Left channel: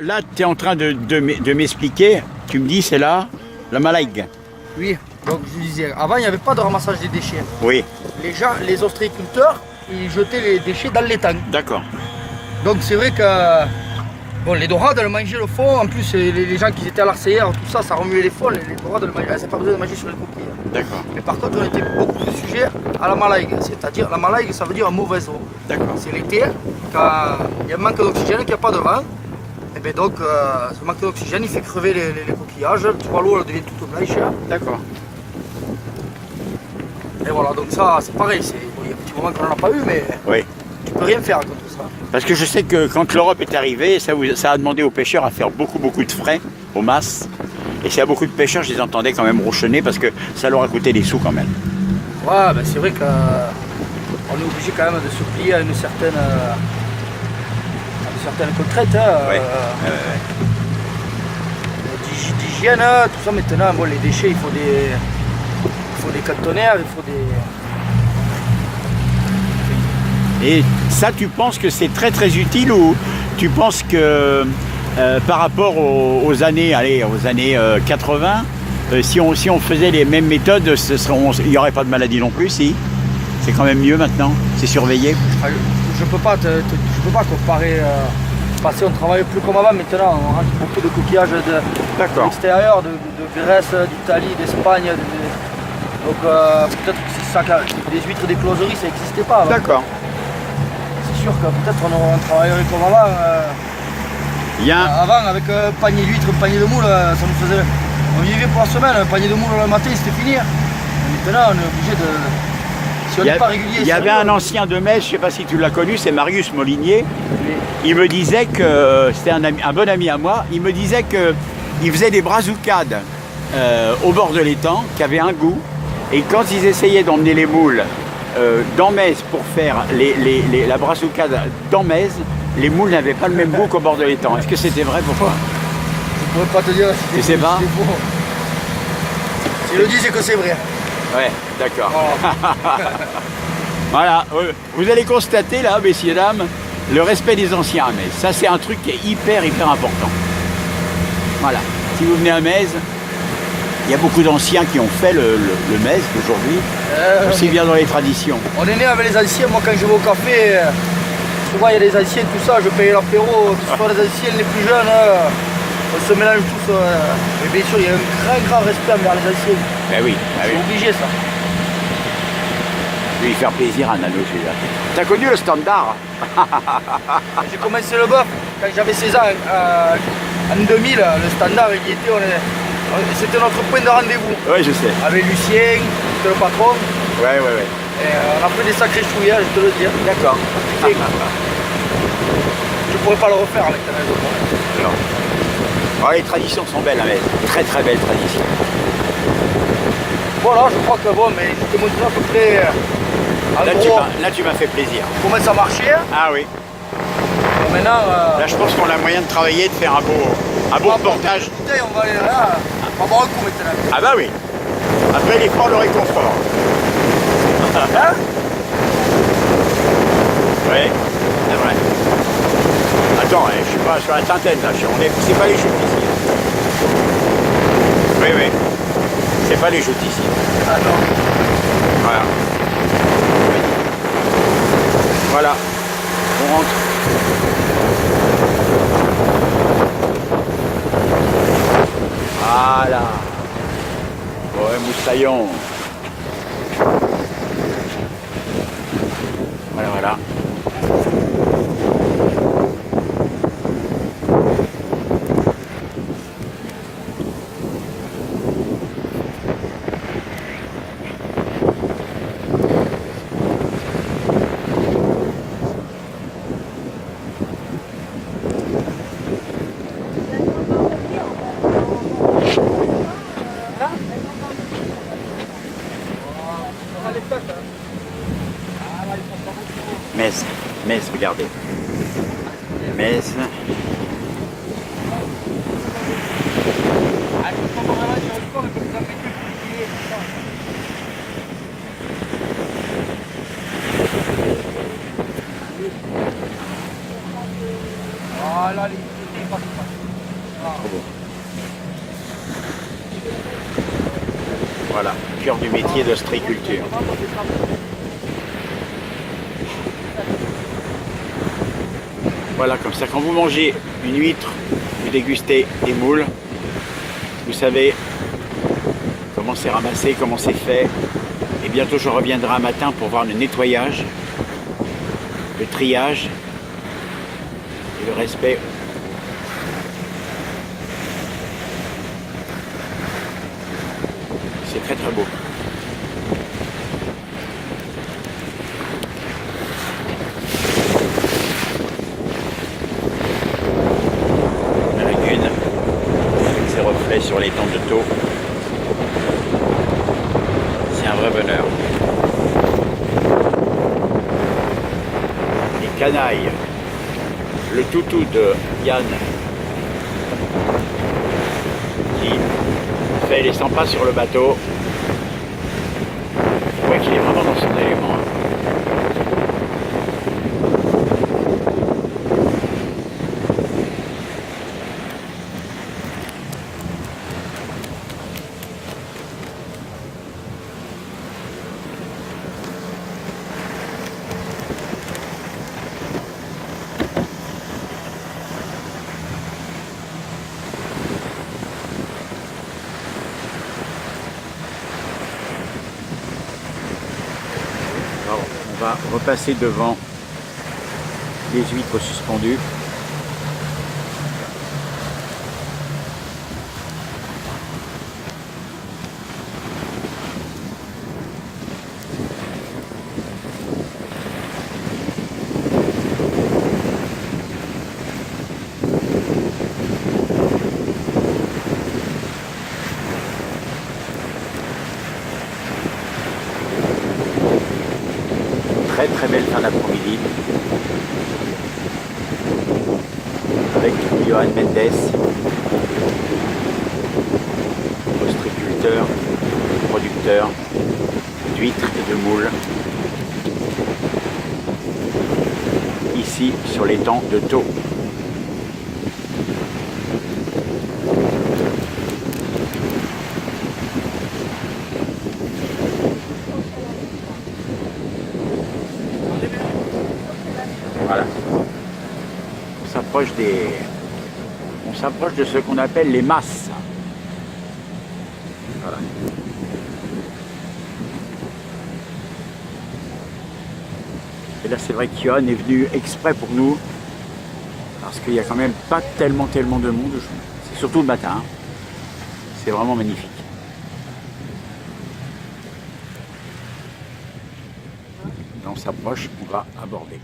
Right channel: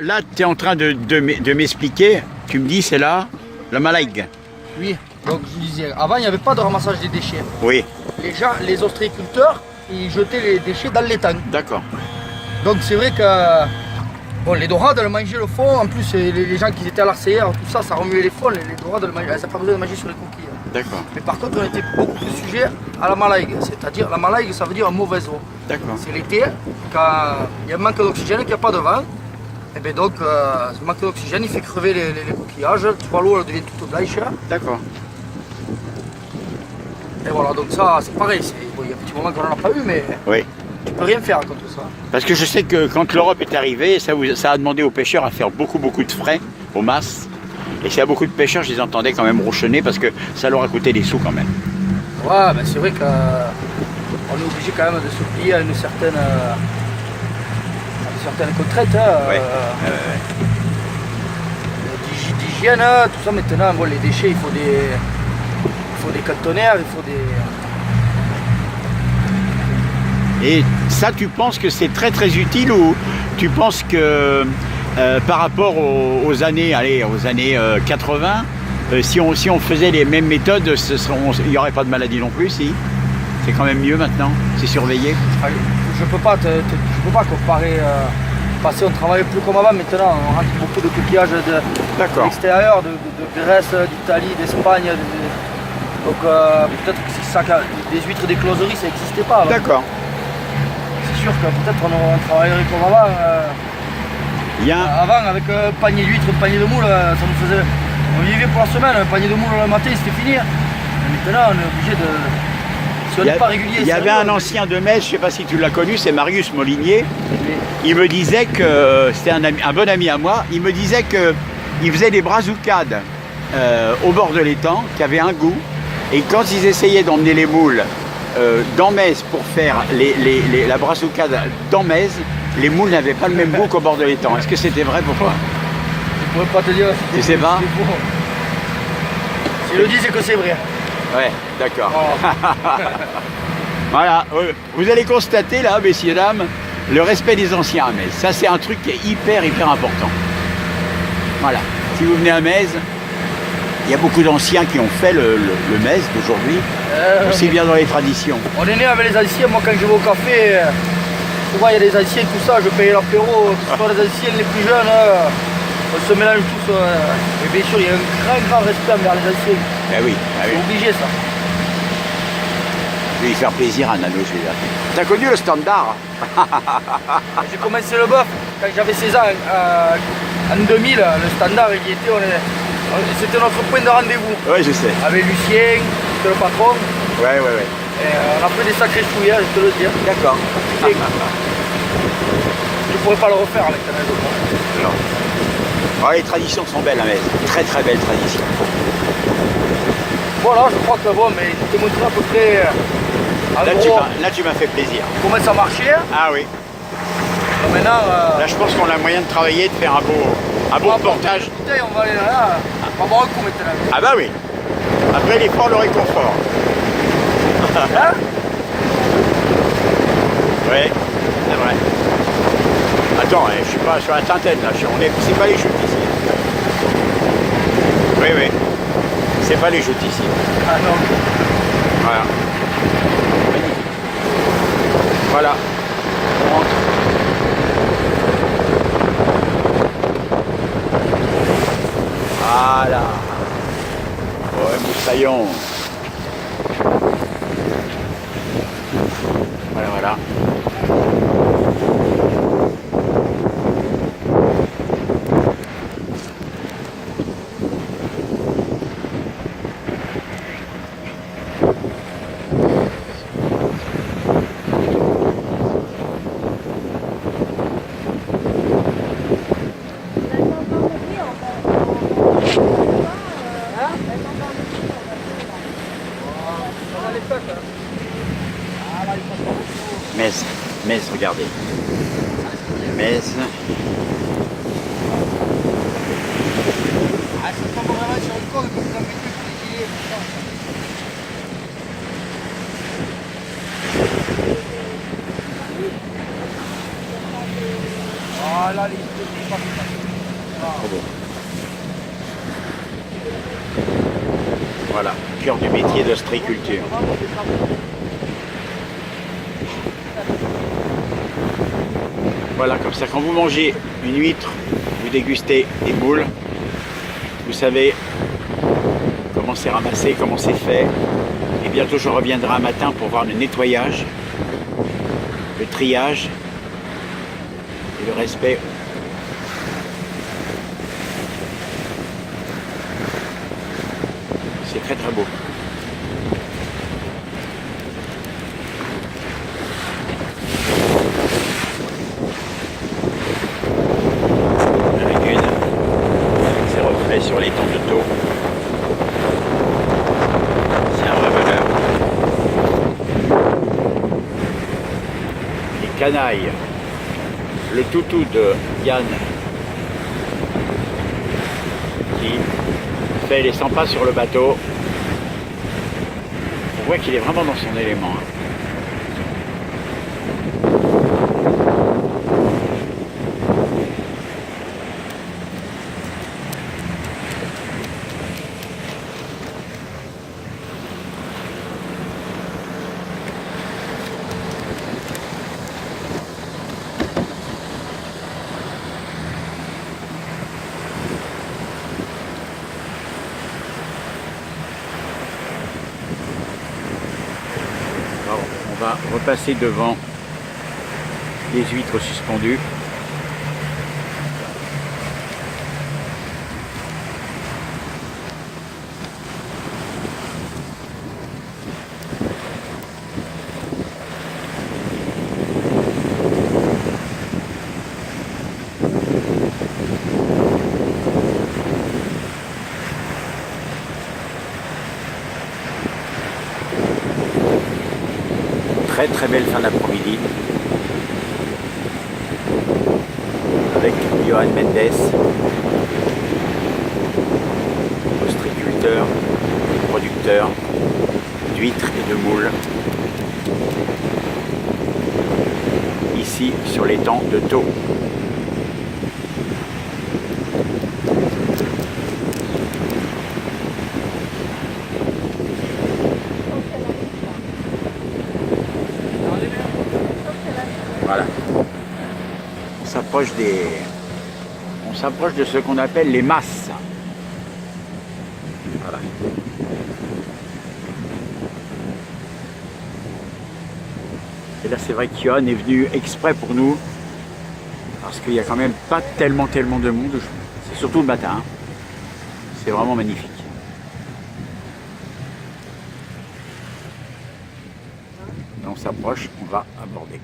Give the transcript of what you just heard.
Là, tu es en train de m'expliquer, tu me dis, c'est là, la Malague. Oui, donc je disais, avant il n'y avait pas de ramassage des déchets. Oui, Les gens, les ostréiculteurs, ils jetaient les déchets dans l'étang. d'accord. Donc c'est vrai que bon, les dorades, elles mangeaient le fond. En plus, les gens qui étaient à l'arcéière, tout ça, ça remuait les fonds. Les dorades, elles n'avaient pas besoin de manger sur les coquilles. D'accord, Mais par contre, on était beaucoup plus sujet à la malague. C'est-à-dire, la malague, ça veut dire mauvaise eau. d'accord. C'est l'été, quand il y a un manque d'oxygène, qu'il n'y a pas de vent. Et bien donc, ce manque d'oxygène, il fait crever les coquillages. Tu vois, l'eau, elle devient toute blanche. D'accord. Et voilà, donc ça, c'est pareil. Bon, il y a un petit moment qu'on n'en a pas eu, mais Oui. tu peux rien faire contre ça. Parce que je sais que quand l'Europe est arrivée, ça a demandé aux pêcheurs à faire beaucoup de frais aux masses. Et s'il y a beaucoup de pêcheurs, je les entendais quand même ronchonner parce que ça leur a coûté des sous quand même. Ouais, ben c'est vrai qu'on est obligé quand même de se plier à une certaine contrainte. Ouais. D'hygiène, tout ça maintenant. Bon, les déchets, il faut des cantonnaires, il faut des. Et ça, tu penses que c'est très utile ou tu penses que par rapport aux années 80, si on faisait les mêmes méthodes, il n'y aurait pas de maladie non plus, si? C'est quand même mieux maintenant, c'est surveillé. Je peux pas comparer. Parce qu'on travaillait plus comme avant, maintenant on rentre beaucoup de coquillages de l'extérieur, de Grèce, d'Italie, d'Espagne. Donc peut-être que c'est ça, des huîtres des closeries, ça n'existait pas. D'accord. C'est sûr que peut-être on travaillerait comme avant. Avant, avec un panier d'huîtres, un panier de moules, ça nous faisait. On vivait pour la semaine, un panier de moules le matin, c'était fini. Mais maintenant, on est obligé de. Si on n'est pas régulier. Il y avait un ancien de Metz, je ne sais pas si tu l'as connu, c'est Marius Molinier. Oui. Il me disait que, c'était un bon ami à moi, il me disait qu'il faisait des brassoucades au bord de l'étang, qui avaient un goût. Et quand ils essayaient d'emmener les moules dans Metz pour faire la brassoucade dans Metz, les moules n'avaient pas le même goût qu'au bord de l'étang. Est-ce que c'était vrai pour toi? Je ne pourrais pas te dire si tu sais pas? S'il le dit, c'est que c'est vrai. Ouais, d'accord. Oh. Voilà, vous allez constater là, messieurs, dames, le respect des anciens à Metz. Ça, c'est un truc qui est hyper important. Voilà, si vous venez à Metz, il y a beaucoup d'anciens qui ont fait le Metz d'aujourd'hui, aussi bien dans les traditions. On est né avec les anciens. Moi, quand je vais au café, souvent il y a des anciens, tout ça, je paye l'apéro, que ce soit les anciens, les plus jeunes, on se mélange tous. Mais bien sûr, il y a un grand respect envers les anciens. Ben oui, C'est obligé ça. Je vais y faire plaisir à Nano, je vais dire. T'as connu le standard? J'ai commencé le bœuf quand j'avais 16 ans, en 2000, le standard il y était, c'était notre point de rendez-vous. Oui, je sais. Avec Lucien, c'était le patron. Ouais. Et on a fait des sacrés chouillas, je te le dis. D'accord. Je pourrais pas le refaire maintenant, je crois. Non. Alors, les traditions sont belles à Metz. Très belles traditions. Voilà, je crois que bon, mais je t'ai montré à peu près. Là, tu m'as fait plaisir. Comment ça marchait. Ah oui. Maintenant. Là, je pense qu'on a moyen de travailler, de faire un beau reportage. Putain, on va aller là. On va boire un coup maintenant. Ah bah oui. Après l'effort, le réconfort. Hein? Oui, c'est vrai. Attends, je suis pas sur la trentaine là. C'est pas les joutes ici. Oui. C'est pas les joutes ici. Ah non. Voilà. Voilà. On rentre. Voilà. Ouais, moussaillon. Voilà. Metz, regardez. Metz. Voilà, Trop beau. Voilà, cœur du métier d'ostréiculture. Voilà, comme ça, quand vous mangez une huître, vous dégustez des moules, vous savez comment c'est ramassé, comment c'est fait. Et bientôt, je reviendrai un matin pour voir le nettoyage, le triage et le respect. C'est très très beau. La lagune avec ses reflets sur l'étang de Thau. C'est un reveneur. Les canailles. Le toutou de Yann qui fait les 100 pas sur le bateau. Je vois qu'il est vraiment dans son élément. Alors, on va repasser devant les huîtres suspendues. Très très belle fin d'après-midi avec Johan Mendes, ostréiculteur et producteur d'huîtres et de moules ici sur l'étang de Thau. Voilà. On s'approche de ce qu'on appelle les masses. Voilà. Et là, c'est vrai que Johan est venu exprès pour nous, parce qu'il n'y a quand même pas tellement de monde. C'est surtout le matin. C'est vraiment magnifique. Là, on s'approche, on va aborder.